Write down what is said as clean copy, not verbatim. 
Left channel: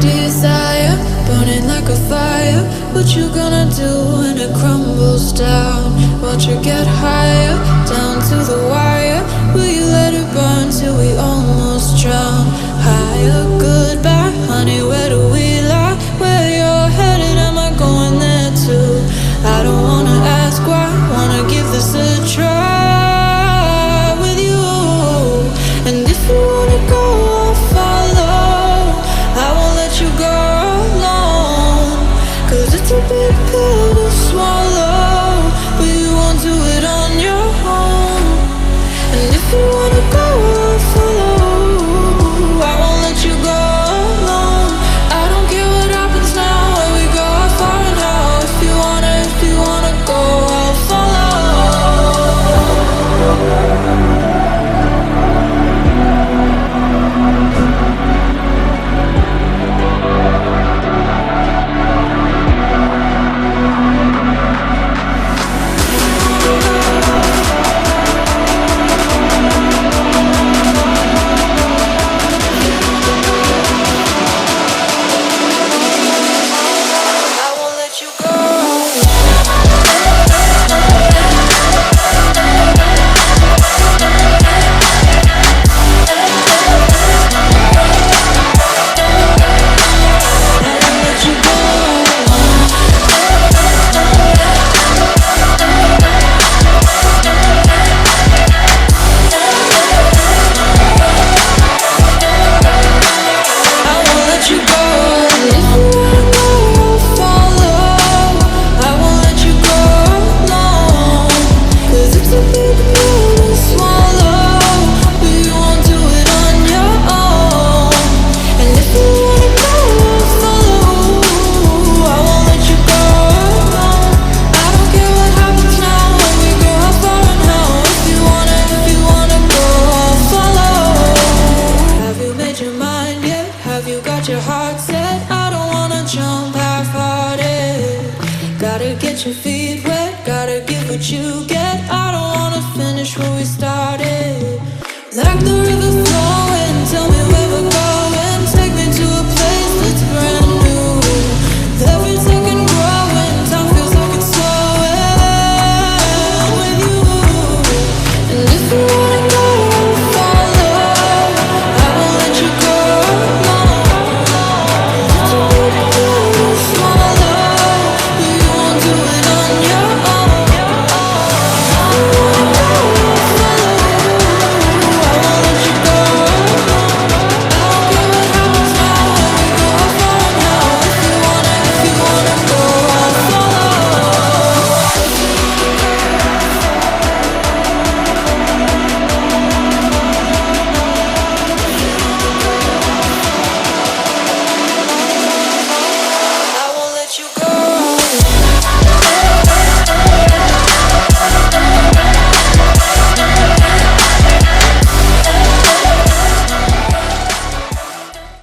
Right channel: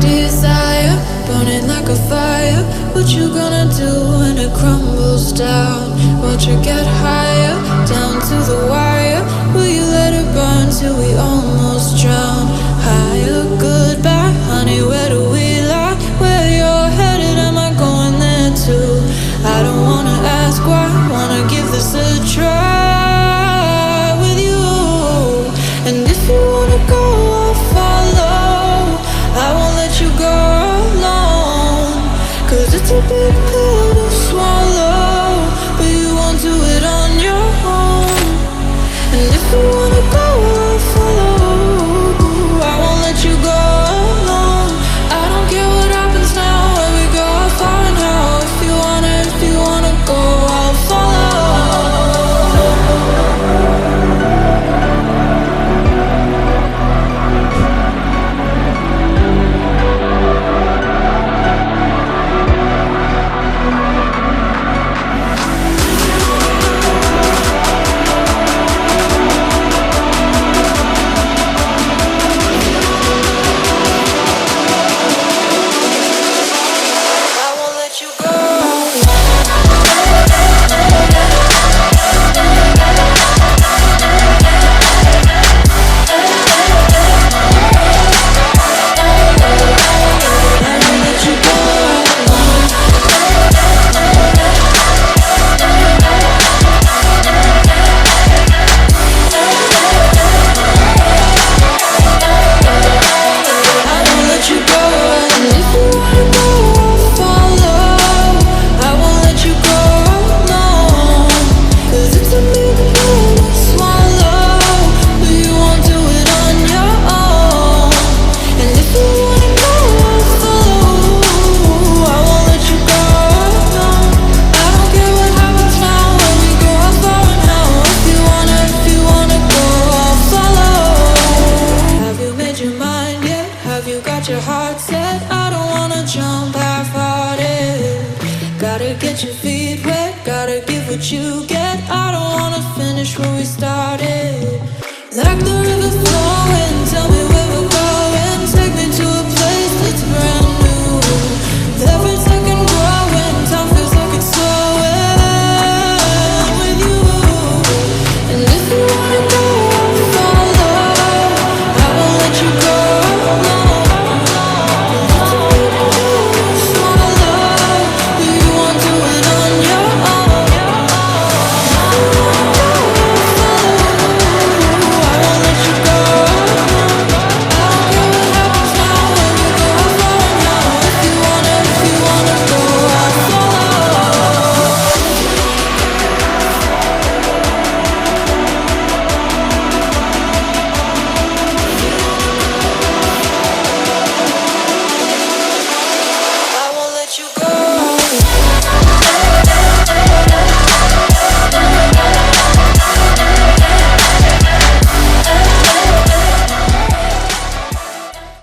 desire, burning like a fire. What you gonna do when it crumbles down? Watch it get higher, down to the wire. Will you let it burn till we almost drown? Higher, goodbye, honey, where do we lie? Where you're headed, am I going there too? I don't wanna ask why, wanna give this a try with you. And if you wanna go, I'll follow. I won't let you go alone, 'cause it's a big pill to swallow, but you won't do it on your own. And if you wanna go, I'll follow. I won't let you go alone. I don't care what happens now, where we go, how far and how. If you wanna go, I'll follow. Your heart set, I don't wanna jump half-hearted. Gotta get your feet wet, gotta give what you get. I don't wanna finish where we started. Like the river flowing, tell me